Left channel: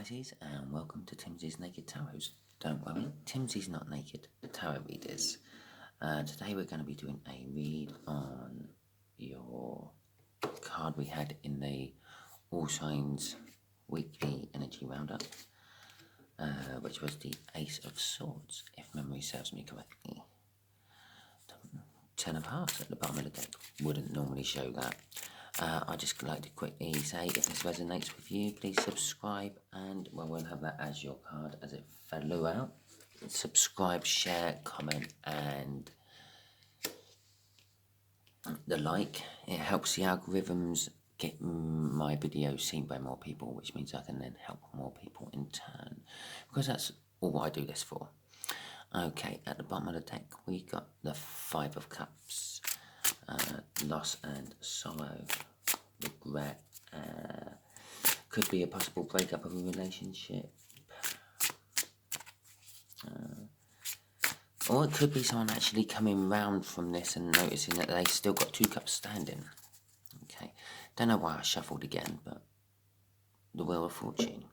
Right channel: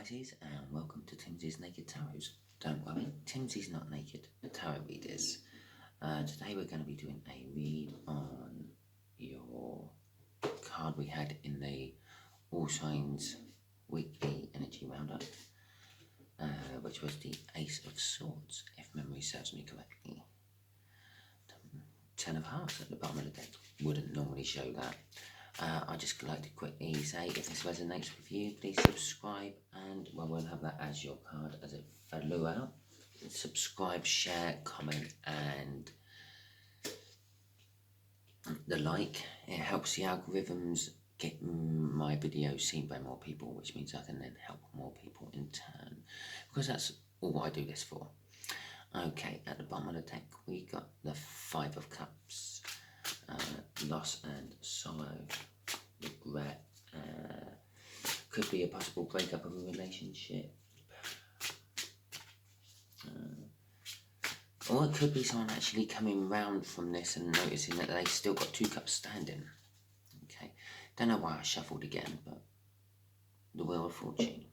Pisces, and welcome to Timsy's Naked Tarot. Don't worry, Timsy's not naked, the tarot read is. Today we're going to be doing a read on your card we had in the All Signs Weekly Energy Roundup, which was the Ace of Swords, if memory serves me correctly. 10 of Hearts at the bottom of the deck, wouldn't normally show that. I'd just like to quickly say, if this resonates with you, please subscribe, and well, we'll have that as your card as it flew out. Subscribe, share, comment, and the like. It helps the algorithms get my videos seen by more people, which means I can then help more people in turn, because that's all I do this for. Okay, at the bottom of the deck, we got the Five of Cups, loss and sorrow, regret, could be a possible breakup of a relationship, or it could be someone actually coming round from this and noticing that they still got two cups standing. Okay, don't know why I shuffled again, but the Wheel of Fortune.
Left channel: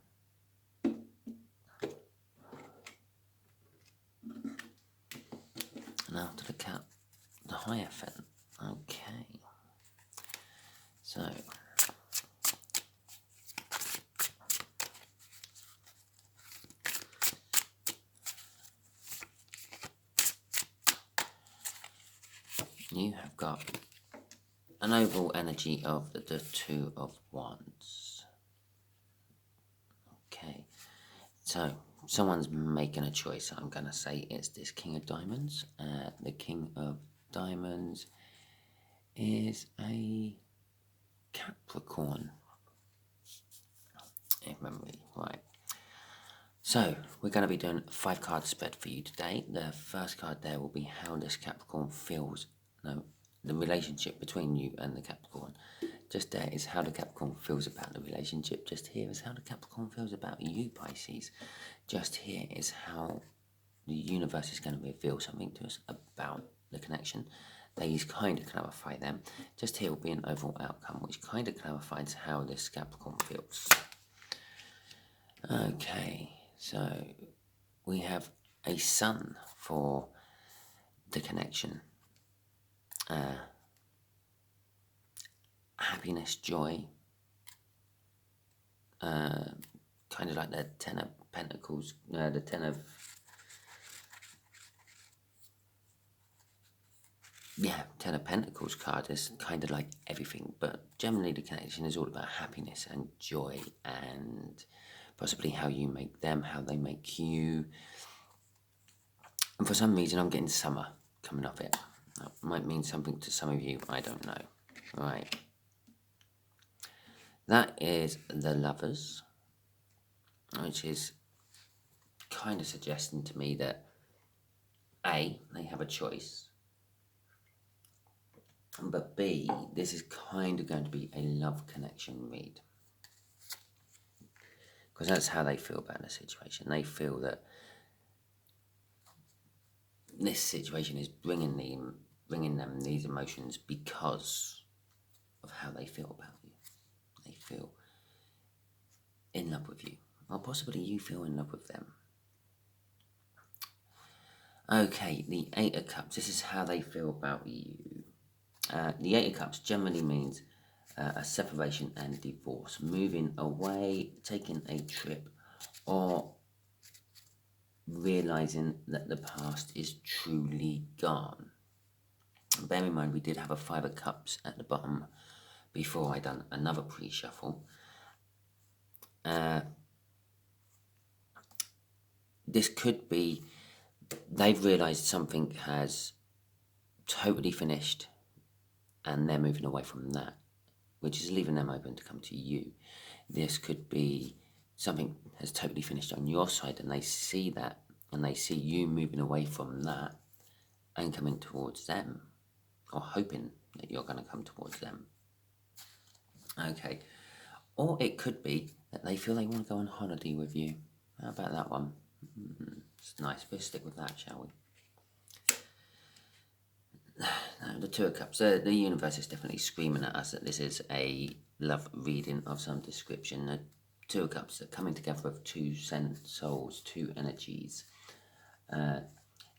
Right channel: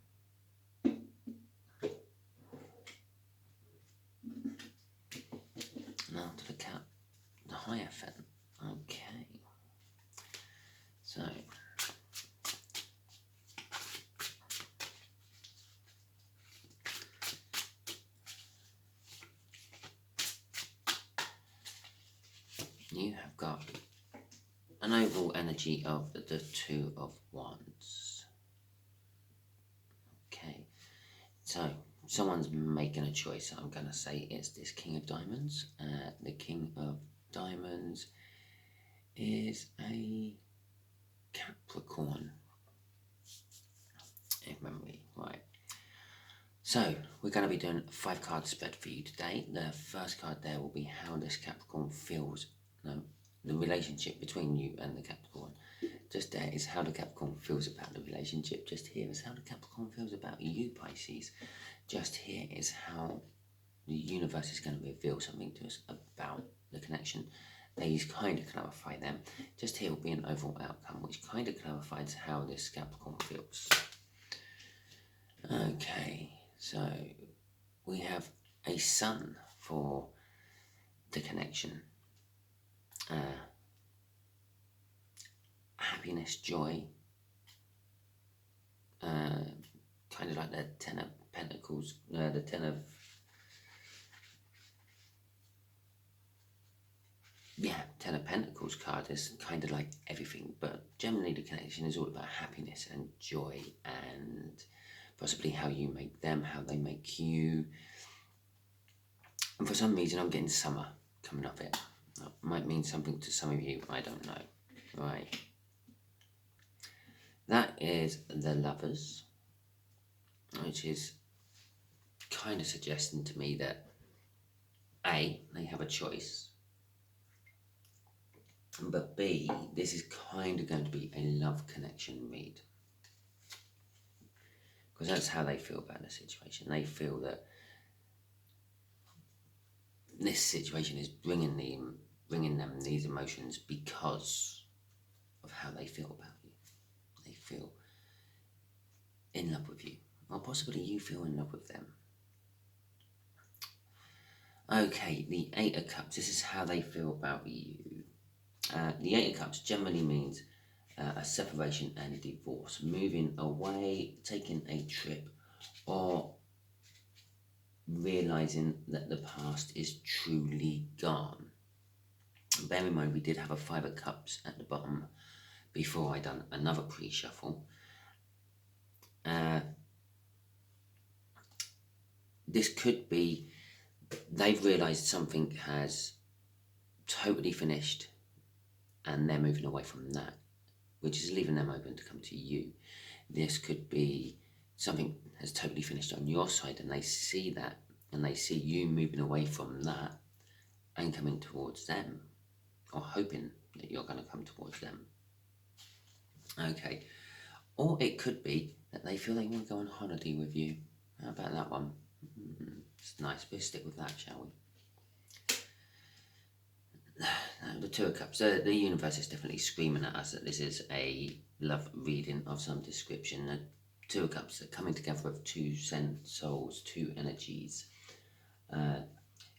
Now to the Cup, the Hierophant. Okay, so you have got an overall energy of the Two of Wands. Okay, so someone's making a choice. I'm going to say it's this King of Diamonds. The King of Diamonds is a Capricorn, if memory right. So we're going to be doing a 5-card spread for you today. The first card there will be how this Capricorn feels. No, the relationship between you and the Capricorn. Just there is how the Capricorn feels about the relationship. Just here is how the Capricorn feels about you, Pisces. Just here is how the universe is going to reveal something to us about the connection. These kind of clarify them. Just here will be an overall outcome, which kind of clarifies how this Capricorn feels. Okay, so we have a Sun for the connection. Happiness, joy, kind of like the Ten of Pentacles, the Ten of, Ten of Pentacles card is kind of like everything, but generally the connection is all about happiness and joy and possibly how you make them, how they make you. And for some reason I'm getting summer coming up it. That might mean something to some of you, I don't know. Right. That is the Lovers, which is kind of suggesting to me that A, they have a choice, but B, this is kind of going to be a love connection read, because that's how they feel about the situation. They feel that this situation is bringing them these emotions because of how they feel about you. They feel in love with you, or possibly you feel in love with them. Okay, the Eight of Cups. This is how they feel about you. The Eight of Cups generally means a separation and divorce, moving away, taking a trip, or realizing that the past is truly gone. Bear in mind, we did have a Five of Cups at the bottom before I done another pre-shuffle. This could be they've realized something has totally finished and they're moving away from that, which is leaving them open to come to you. This could be something has totally finished on your side and they see that and they see you moving away from that and coming towards them, or hoping that you're going to come towards them. Okay, or it could be that they feel they want to go on holiday with you. How about that one? It's nice. We'll stick with that, shall we? Now, the Two of Cups. The universe is definitely screaming at us that this is a love reading of some description. The Two of Cups, they're coming together with two souls, two energies.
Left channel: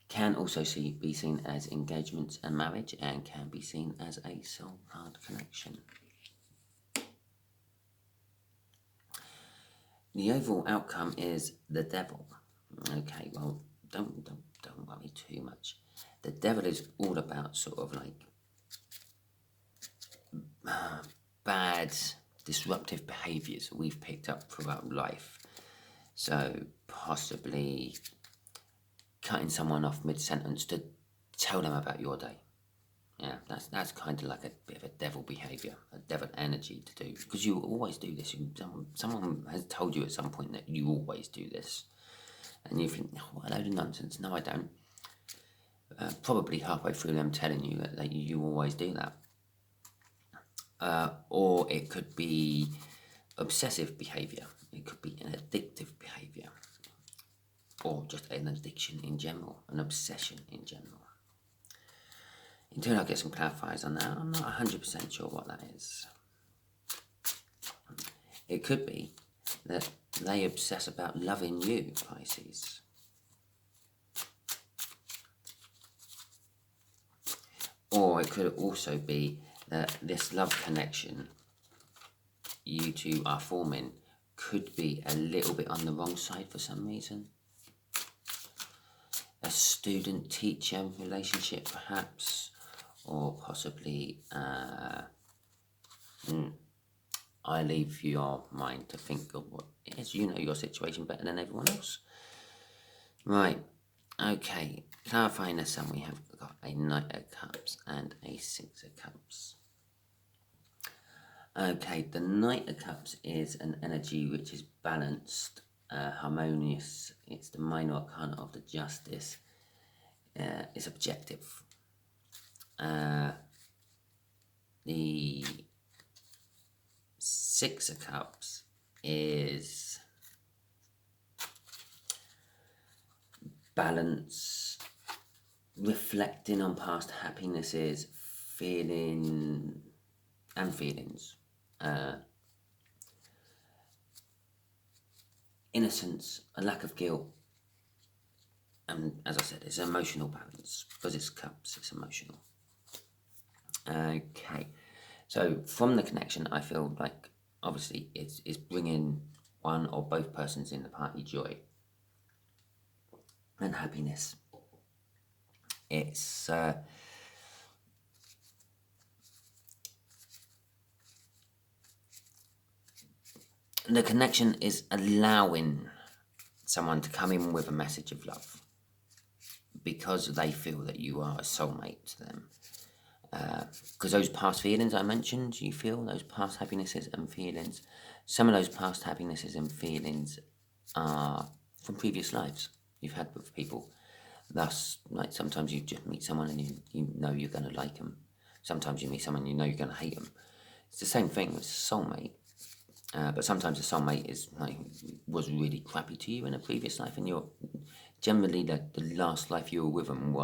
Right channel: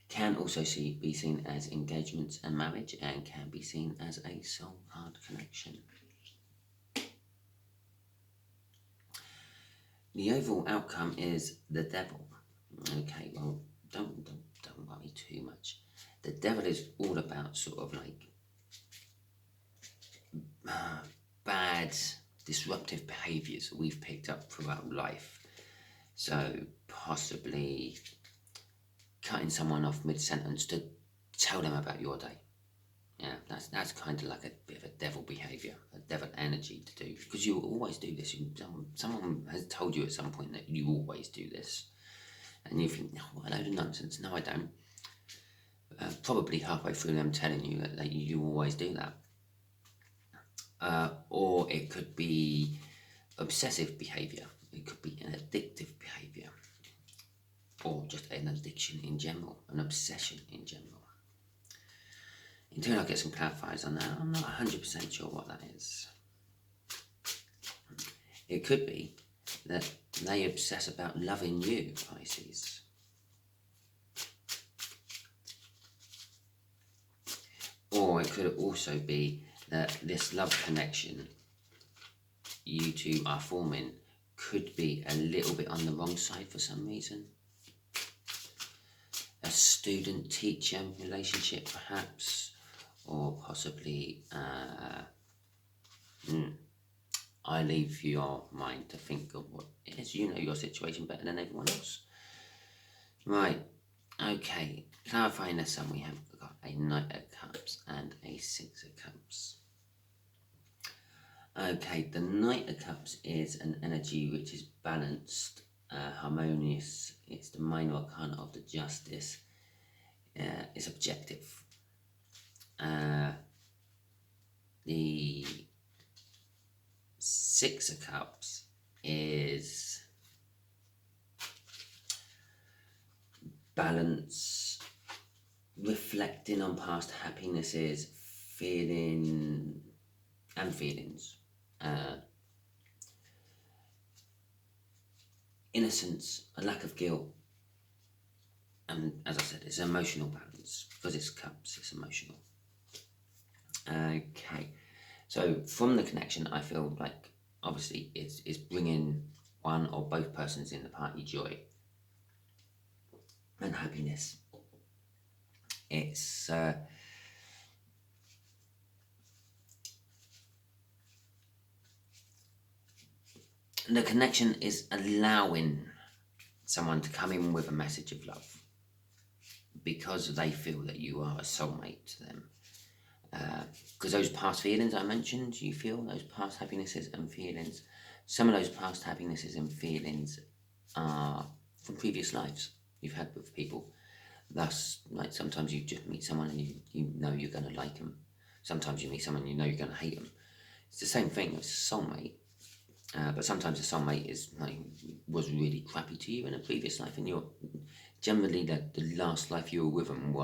Can also be seen as engagements and marriage, and can be seen as a soul card connection. The overall outcome is the Devil. Okay, well, don't worry too much. The Devil is all about sort of like bad, disruptive behaviours that we've picked up throughout life. So possibly cutting someone off mid-sentence to tell them about your day. Yeah, that's kind of like a bit of a devil behaviour, a devil energy to do, because you always do this. Someone has told you at some point that you always do this, and you think, oh, what a load of nonsense. No, I don't. Probably halfway through them telling you that you always do that. Or it could be obsessive behaviour. It could be an addictive behaviour, or just an addiction in general, an obsession in general. Until I get some clarifiers on that, I'm not 100% sure what that is. It could be that they obsess about loving you, Pisces. Or it could also be that this love connection you two are forming could be a little bit on the wrong side for some reason. A student-teacher relationship, perhaps, or possibly, I leave your mind to think of what it is. You know your situation better than everyone else. Right, okay, clarifying the sum, we have got a Knight of Cups and a Six of Cups. Okay, the Knight of Cups is an energy which is balanced, harmonious. It's the minor arcana of the Justice. It's objective. The Six of Cups is balance, reflecting on past happinesses, feelings, innocence, a lack of guilt, and as I said, it's emotional balance, because it's cups, it's emotional. Okay, so from the connection, I feel like obviously it's bringing one or both persons in the party joy and happiness. It's the connection is allowing someone to come in with a message of love because they feel that you are a soulmate to them. Because those past feelings I mentioned, you feel those past happinesses and feelings. Some of those past happinesses and feelings are from previous lives you've had with people. Thus, like sometimes you just meet someone and you know you're going to like them. Sometimes you meet someone you know you're going to hate them. It's the same thing with soulmate. But sometimes a soulmate was really crappy to you in a previous life, and you're generally the last life you were with them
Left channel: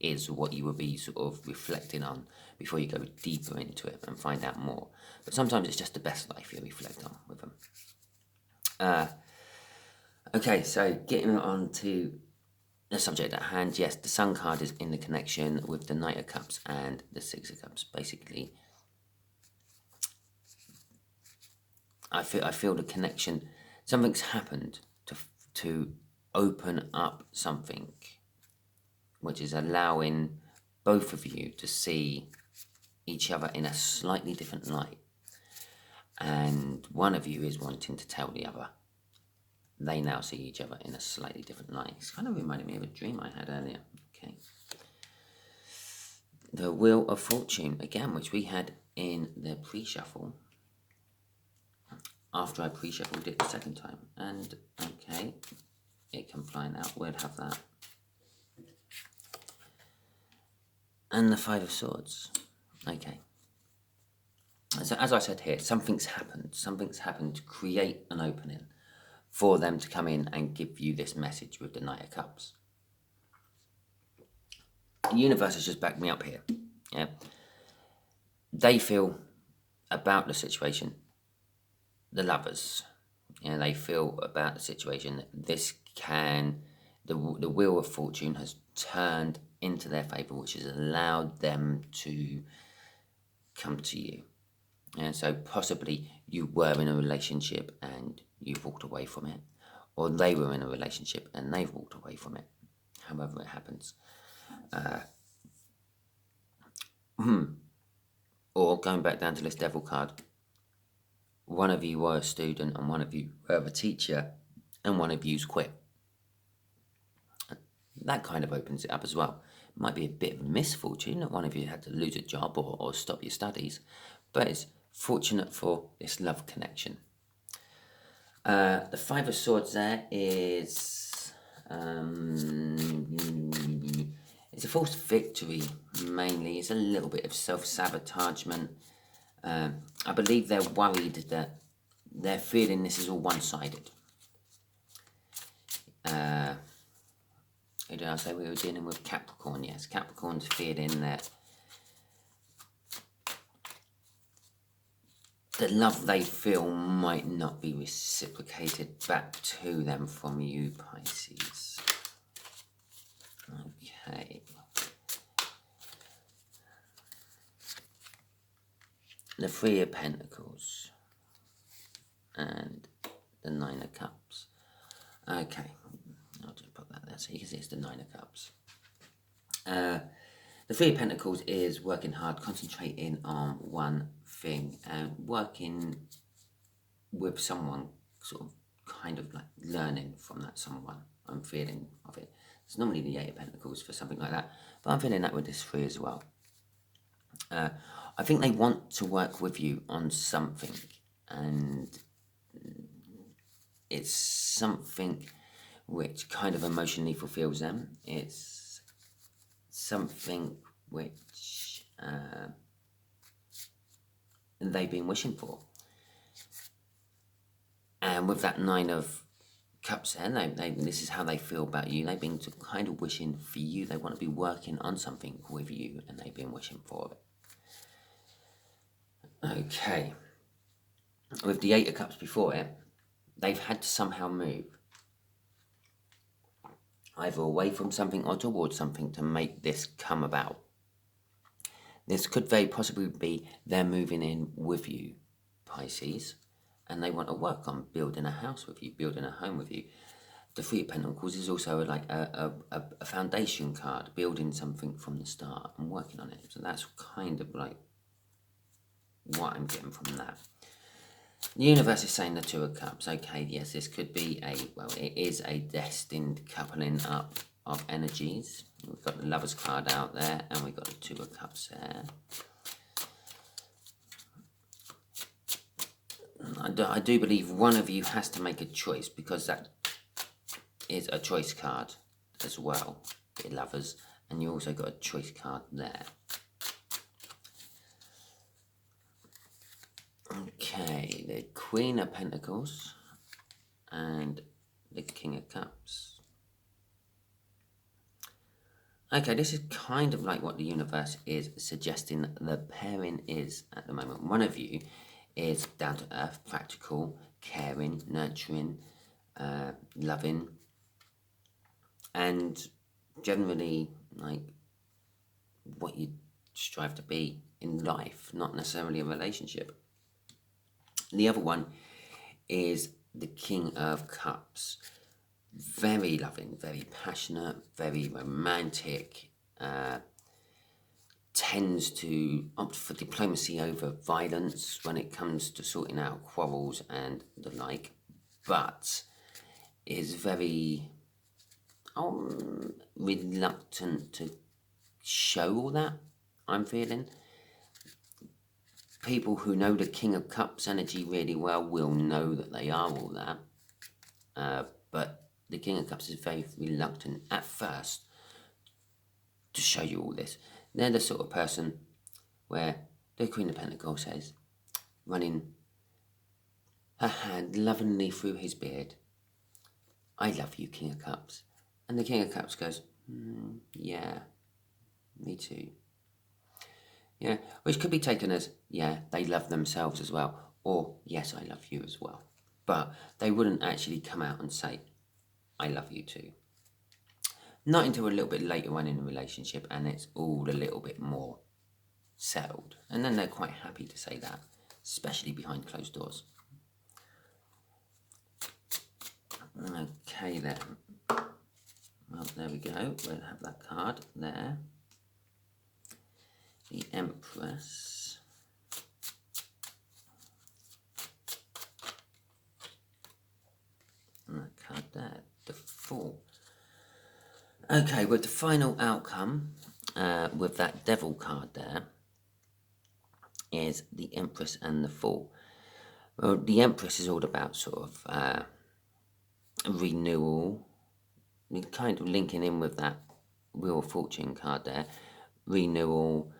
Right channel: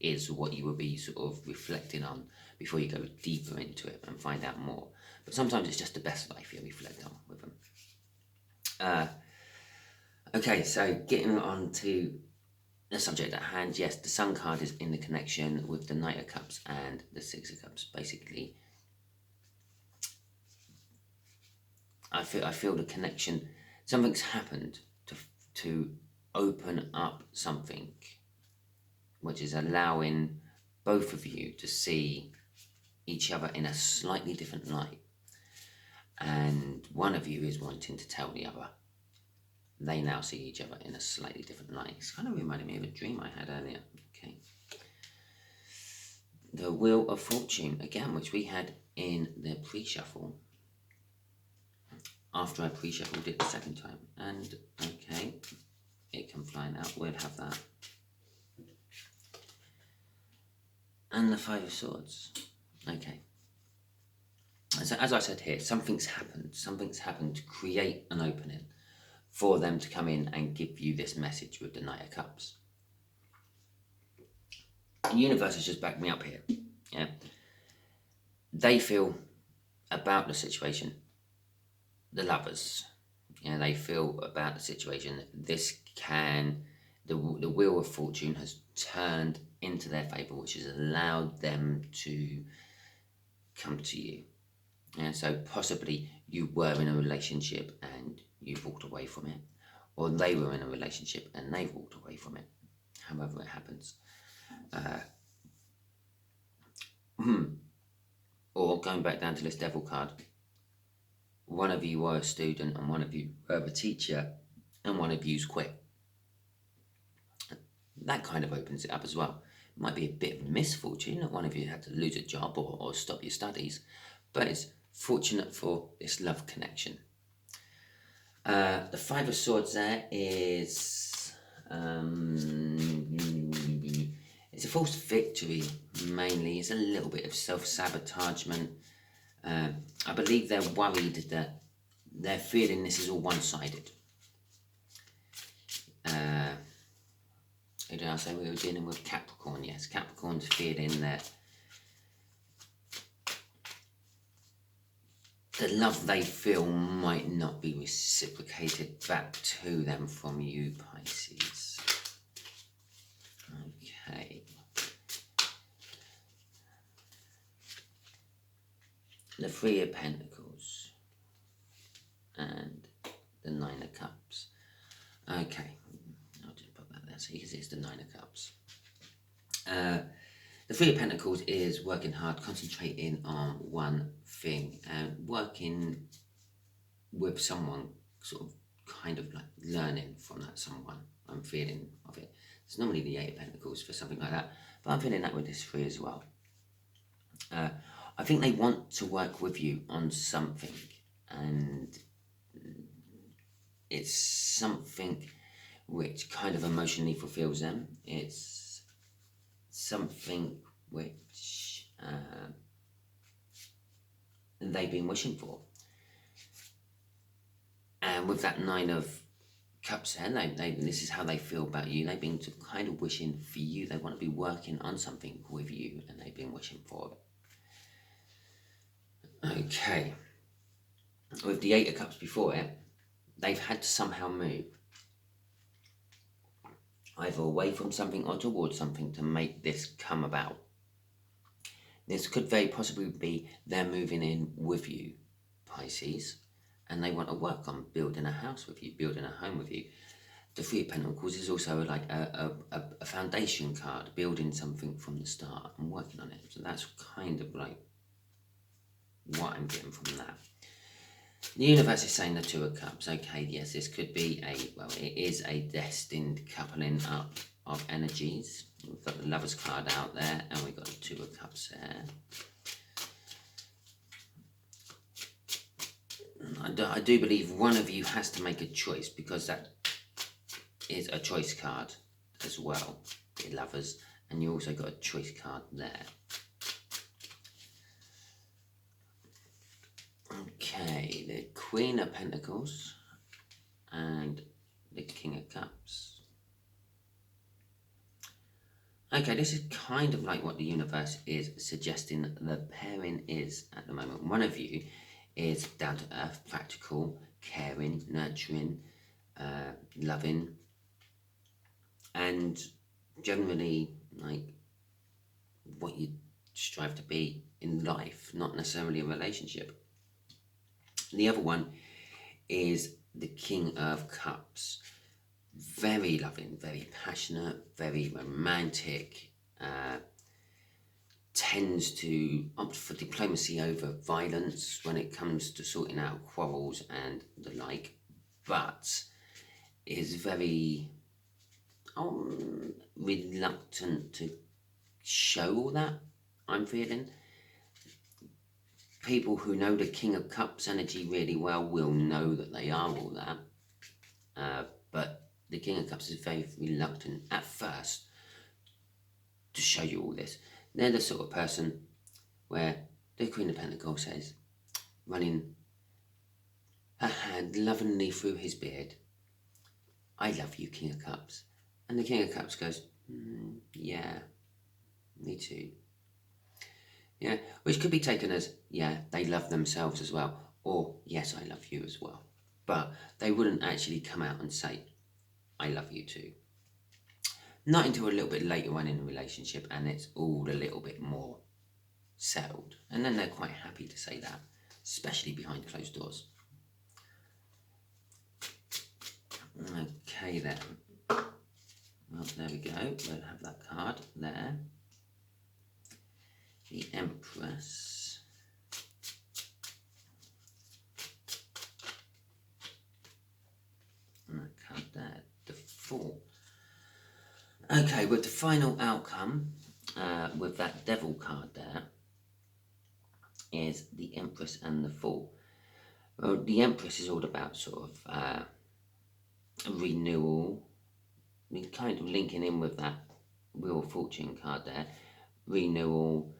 is what you would be sort of reflecting on before you go deeper into it and find out more. But sometimes it's just the best life you reflect on with them. Okay, so getting on to the subject at hand. Yes, the Sun card is in the connection with the Knight of Cups and the Six of Cups. Basically, I feel the connection. Something's happened to open up something, which is allowing both of you to see each other in a slightly different light. And one of you is wanting to tell the other. They now see each other in a slightly different light. It's kind of reminded me of a dream I had earlier. Okay. The Wheel of Fortune, again, which we had in the pre-shuffle. After I pre-shuffled it the second time. And, okay, it can fly out. We'll have that. And the Five of Swords. Okay. So as I said here, something's happened. Something's happened to create an opening for them to come in and give you this message with the Knight of Cups. The universe has just backed me up here. Yeah. They feel about the situation, the lovers, and they feel about the situation that this can, the wheel of fortune has turned into their favour, which has allowed them to come to you. And so possibly you were in a relationship and you've walked away from it, or they were in a relationship and they've walked away from it, however it happens. Or going back down to this devil card, one of you were a student and one of you were a teacher and one of you's quit. That kind of opens it up as well. It might be a bit of misfortune that one of you had to lose a job or stop your studies, but it's fortunate for this love connection. The Five of Swords there is it's a false victory mainly. It's a little bit of self-sabotagement. I believe they're worried that they're feeling this is all one-sided. Who did I say we were dealing with? Capricorn, yes. Capricorn's feeling that the love they feel might not be reciprocated back to them from you, Pisces. Okay. The Three of Pentacles and the Nine of Cups. Okay, I'll just put that there so you can see it's the Nine of Cups. The Three of Pentacles is working hard, concentrating on one thing and working with someone, sort of kind of like learning from that someone. I'm feeling of it. It's normally the Eight of Pentacles for something like that, but I'm feeling that with this Three as well. I think they want to work with you on something, and it's something which kind of emotionally fulfills them. It's something which they've been wishing for. And with that Nine of Cups there, this is how they feel about you. They've been kind of wishing for you. They want to be working on something with you, and they've been wishing for it. Okay. With the Eight of Cups before it, they've had to somehow move. Either away from something or towards something to make this come about. This could very possibly be they're moving in with you, Pisces, and they want to work on building a house with you, building a home with you. The Three of Pentacles is also like a foundation card, building something from the start and working on it. So that's kind of like what I'm getting from that. The universe is saying the Two of Cups. Okay, yes, this could be it is a destined coupling up of energies. We've got the Lover's card out there, and we've got the Two of Cups there. I do believe one of you has to make a choice, because that is a choice card as well, the Lovers, and you also got a choice card there. Okay, the Queen of Pentacles and the King of Cups. Okay, this is kind of like what the universe is suggesting the pairing is at the moment. One of you is down to earth, practical, caring, nurturing, loving, and generally like what you strive to be in life, not necessarily a relationship. The other one is the King of Cups. Very loving, very passionate, very romantic, tends to opt for diplomacy over violence when it comes to sorting out quarrels and the like, but is very reluctant to show all that, I'm feeling. People who know the King of Cups energy really well will know that they are all that, but the King of Cups is very reluctant at first to show you all this. They're the sort of person where the Queen of Pentacles says, running her hand lovingly through his beard, "I love you, King of Cups." And the King of Cups goes, "Yeah, me too." Yeah, which could be taken as, yeah, they love themselves as well, or yes, I love you as well. but they wouldn't actually come out and say, I love you too. Not until a little bit later on in the relationship, and it's all a little bit more settled. And then they're quite happy to say that, especially behind closed doors. Okay then. Well, there we go. We'll have that card there. The Empress. And that card there. The Fool. Okay, with the final outcome, with that Devil card there, is the Empress and the Fool. Well, the Empress is all about sort of renewal, kind of linking in with that Wheel of Fortune card there. Renewal,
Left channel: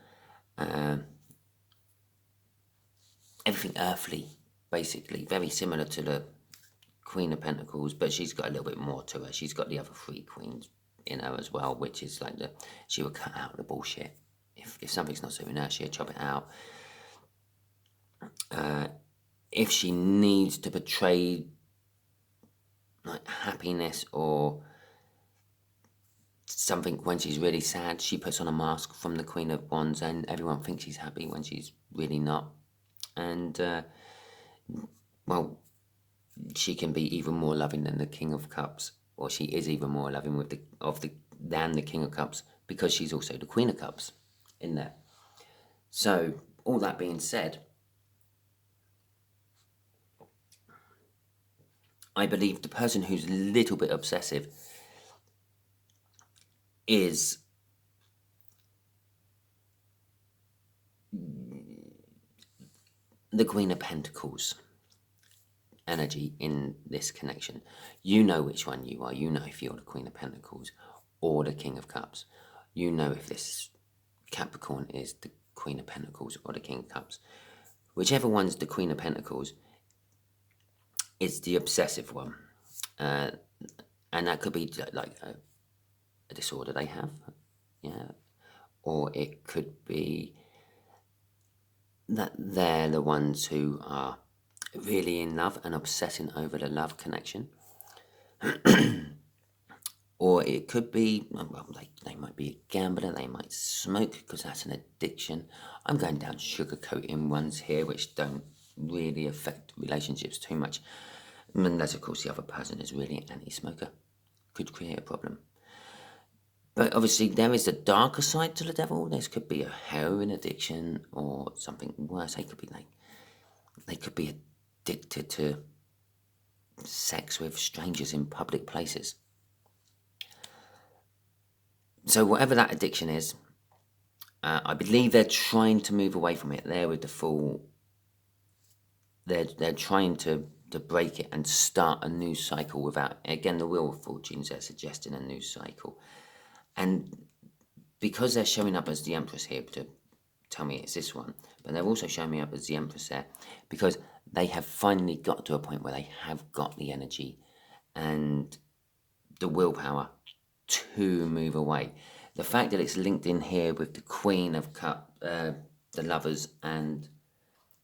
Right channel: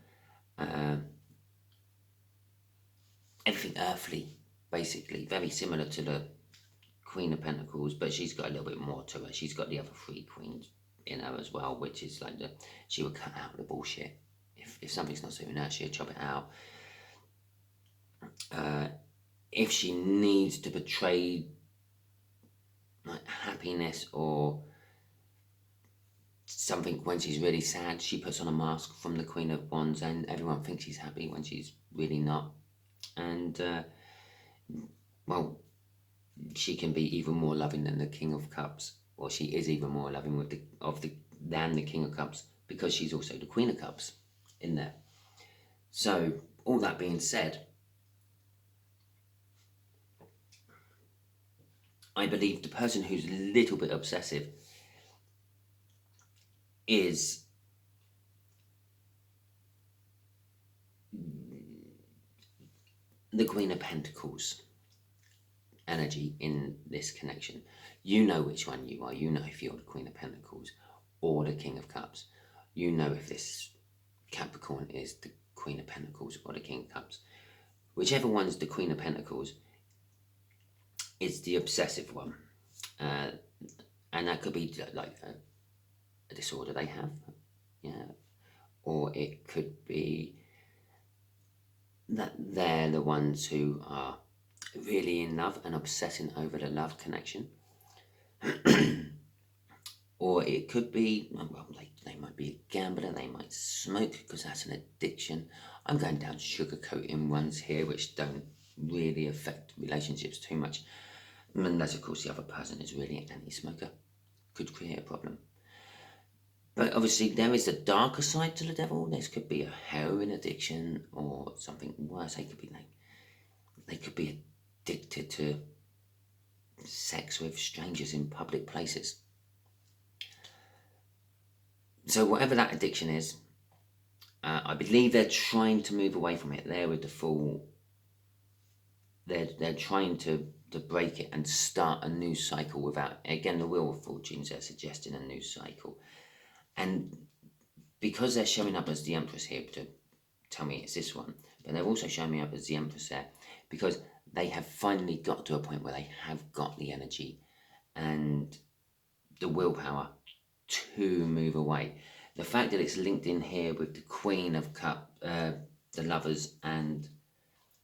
everything earthly, basically. Very similar to the Queen of Pentacles, but she's got a little bit more to her. She's got the other 3 queens in her as well, which is like she would cut out the bullshit. If something's not suiting her, she'll chop it out. If she needs to portray like happiness or something when she's really sad, she puts on a mask from the Queen of Wands, and everyone thinks she's happy when she's really not. And well, she can be even more loving than the King of Cups, or she is even more loving than the King of Cups, because she's also the Queen of Cups in there. So all that being said, I believe the person who's a little bit obsessive is the Queen of Pentacles energy in this connection. You know which one you are. You know if you're the Queen of Pentacles or the King of Cups. You know if this Capricorn is the Queen of Pentacles or the King of Cups. Whichever one's the Queen of Pentacles, it's the obsessive one. And that could be like a disorder they have. Yeah. Or it could be that they're the ones who are really in love and obsessing over the love connection. Or it could be, well, they might be a gambler, they might smoke because that's an addiction. I'm going down sugar-coating ones here, which don't really affect relationships too much. Unless, of course, the other person is really an anti-smoker. Could create a problem. But obviously, there is a darker side to the devil. There could be a heroin addiction or something worse. They could be addicted to sex with strangers in public places. So whatever that addiction is, I believe they're trying to move away from it. There with the Fool, they're trying to break it and start a new cycle without, again, the Wheel of Fortunes, they're suggesting a new cycle. And because they're showing up as the Empress here to tell me it's this one, but they're also showing me up as the Empress there because they have finally got to a point where they have got the energy and the willpower to move away. The fact that it's linked in here with the Queen of Cups, the Lovers, and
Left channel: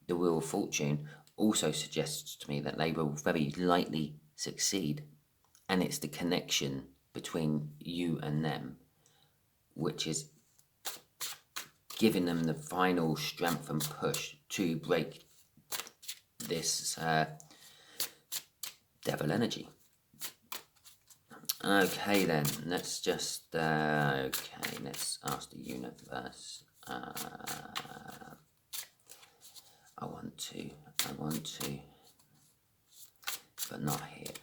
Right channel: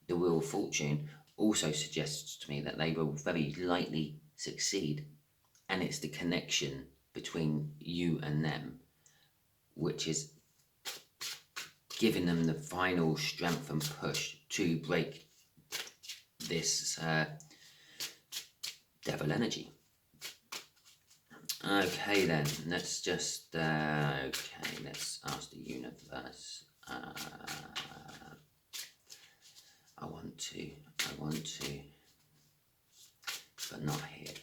the Wheel of Fortune also suggests to me that they will very likely succeed, and it's the connection between you and them which is giving them the final strength and push to break this devil energy. Okay then, let's just, let's ask the universe. I want to, but not here.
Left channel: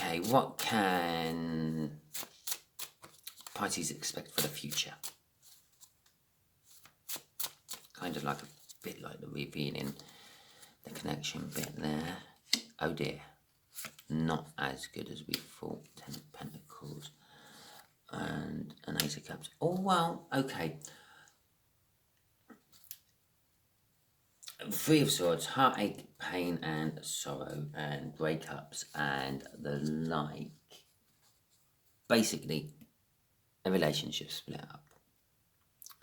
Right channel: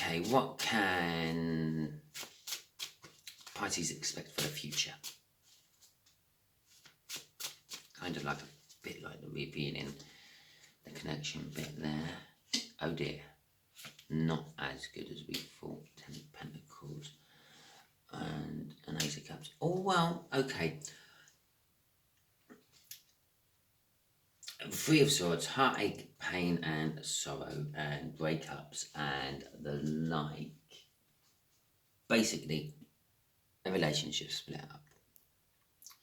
Okay, what can Pisces expect for the future? Kind of like a bit like the revealing the connection bit there. Oh dear, not as good as we thought. 10 of Pentacles and an Ace of Cups. Oh well, okay. 3 of Swords, heartache, pain and sorrow and breakups and the like. Basically, a relationship split up.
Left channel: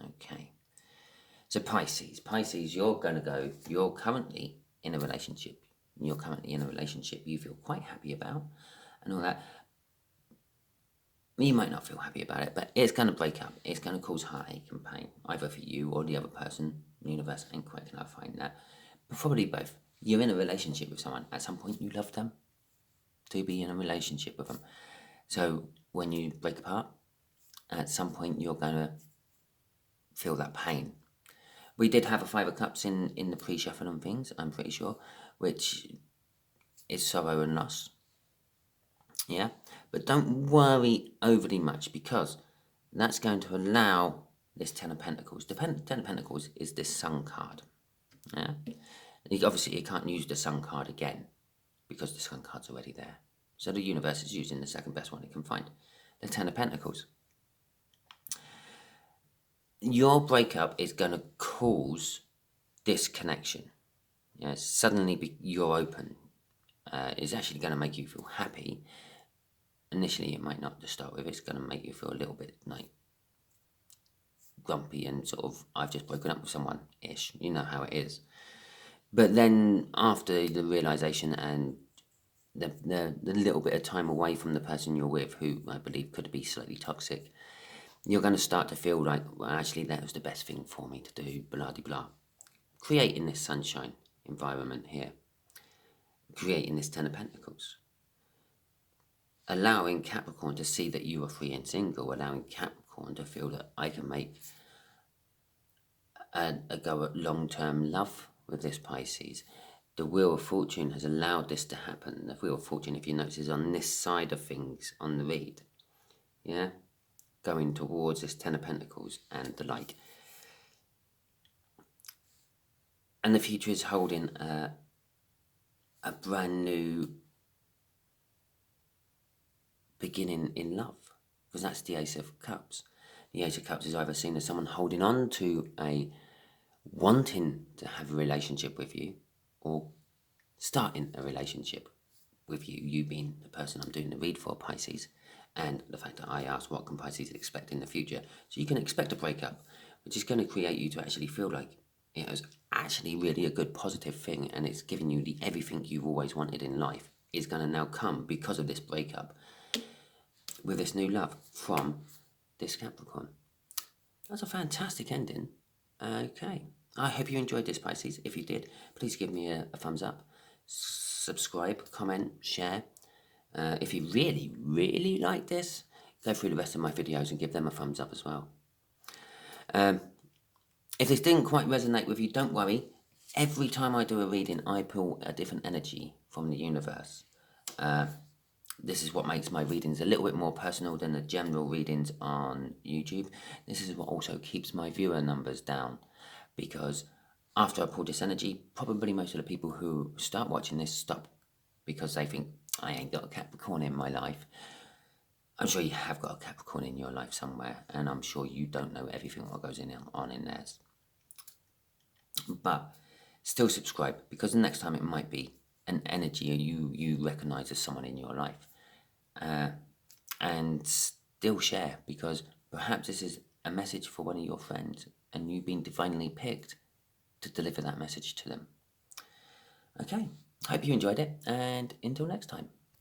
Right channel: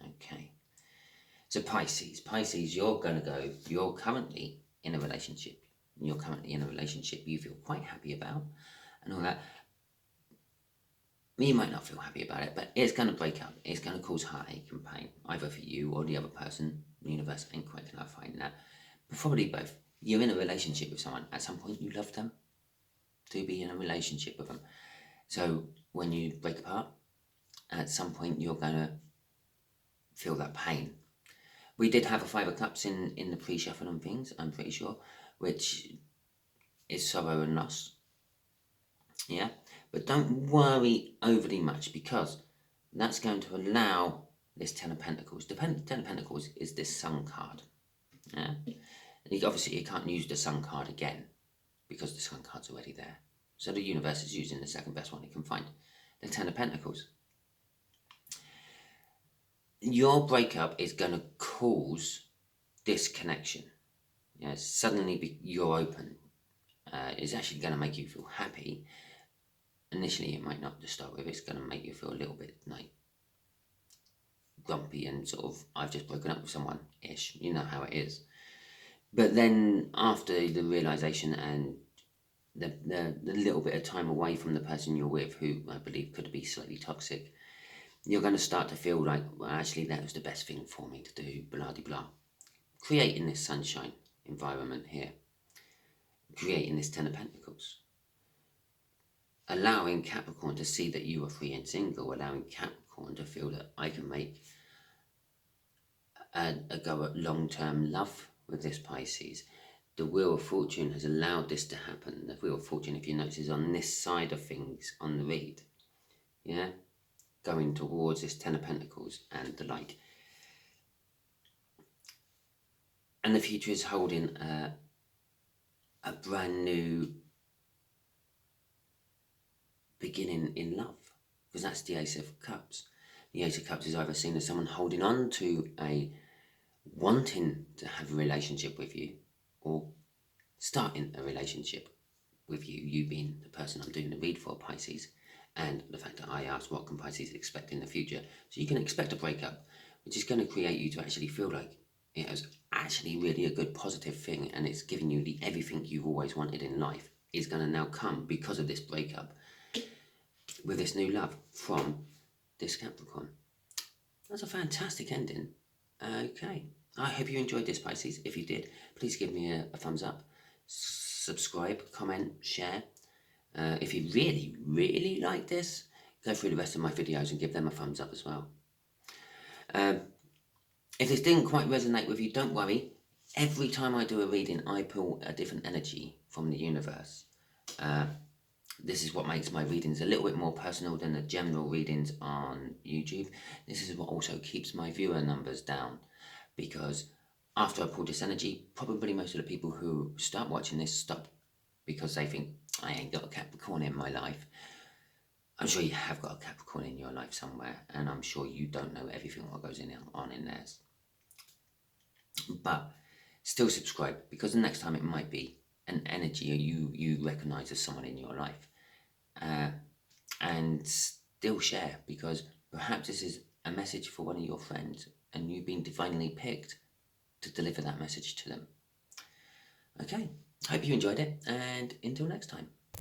Okay. So Pisces, you're currently in a relationship. You're currently in a relationship you feel quite happy about and all that. You might not feel happy about it, but it's going to break up. It's going to cause heartache and pain, either for you or the other person. The universe ain't quite clarifying that. But probably both. You're in a relationship with someone. At some point, you love them to be in a relationship with them. So when you break apart, at some point, you're going to feel that pain. We did have a Five of Cups in the pre-shuffle and things, I'm pretty sure, which is sorrow and loss. Yeah? But don't worry overly much, because that's going to allow this Ten of Pentacles. The Ten of Pentacles is this Sun card. Yeah? And obviously, you can't use the Sun card again because the Sun card's already there. So the universe is using the second best one it can find, the Ten of Pentacles. Your breakup is going to cause disconnection. Yeah, suddenly you're open. It's actually going to make you feel happy. Initially, it might not to start with. It's going to make you feel a little bit like grumpy and sort of, I've just broken up with someone-ish. You know how it is. But then after the realization and the little bit of time away from the person you're with, who I believe could be slightly toxic, you're going to start to feel like, well, actually, that was the best thing for me to do, blah-de-blah. Creating this sunshine environment here. Creating this Ten of Pentacles. Allowing Capricorn to see that you are free and single. Allowing Capricorn to feel that I can make a go at long-term love with this Pisces. The Wheel of Fortune has allowed this to happen. The Wheel of Fortune, if you notice, is on this side of things on the read. Yeah? Going towards this Ten of Pentacles and the like. And the future is holding a brand new beginning in love, because that's the Ace of Cups. The Ace of Cups is either seen as someone holding on to wanting to have a relationship with you, or starting a relationship with you, you being the person I'm doing the read for, Pisces, and the fact that I asked what can Pisces expect in the future. So you can expect a breakup, which is going to create you to actually feel like it is actually really a good positive thing, and it's giving you the everything you've always wanted in life is going to now come because of this breakup with this new love from this Capricorn. That's a fantastic ending. Okay. I hope you enjoyed this, Pisces. If you did, please give me a thumbs up. Subscribe, comment, share. If you really, really like this, go through the rest of my videos and give them a thumbs up as well. If this didn't quite resonate with you, don't worry. Every time I do a reading, I pull a different energy from the universe. This is what makes my readings a little bit more personal than the general readings on YouTube. This is what also keeps my viewer numbers down, because after I pull this energy, probably most of the people who start watching this stop because they think, I ain't got a Capricorn in my life. I'm sure you have got a Capricorn in your life somewhere, and I'm sure you don't know everything what goes on in theirs. But still subscribe, because the next time it might be an energy you recognize as someone in your life. And still share, because perhaps this is a message for one of your friends and you've been divinely picked to deliver that message to them. Okay, hope you enjoyed it, and until next time.